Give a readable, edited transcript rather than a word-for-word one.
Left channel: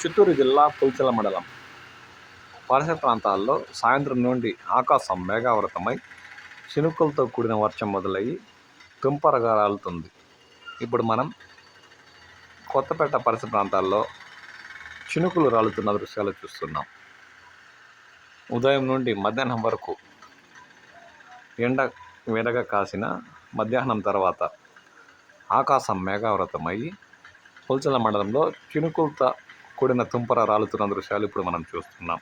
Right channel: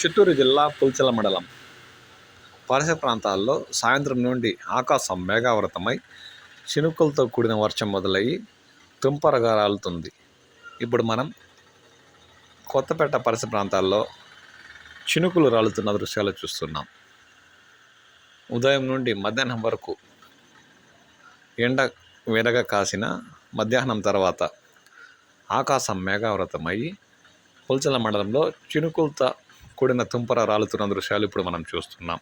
చిత్తూరు జిల్లా పుల్చల మండలం పరిసర ప్రాంతాల్లో సాయంత్రం నుండి ఆకాశం మేఘావృతమై చినుకులతో కూడిన వర్షం మొదలయ్యి తుంపరగా రాలుతుంది. ఇప్పుడు మనం కొత్తపేట పరిసర ప్రాంతాల్లో చినుకులు రాలుతున్న దృశ్యాలు చూస్తున్నాం. ఉదయం నుండి మధ్యాహ్నం వరకు ఎండ వేడగా కాసిన మధ్యాహ్నం తర్వాత ఆకాశం మేఘావృతమయ్యి పుల్చల మండలంలో చినుకులతో కూడిన తుంపర రాలుతున్న దృశ్యాలు ఇప్పుడు మనం చూస్తున్నాం.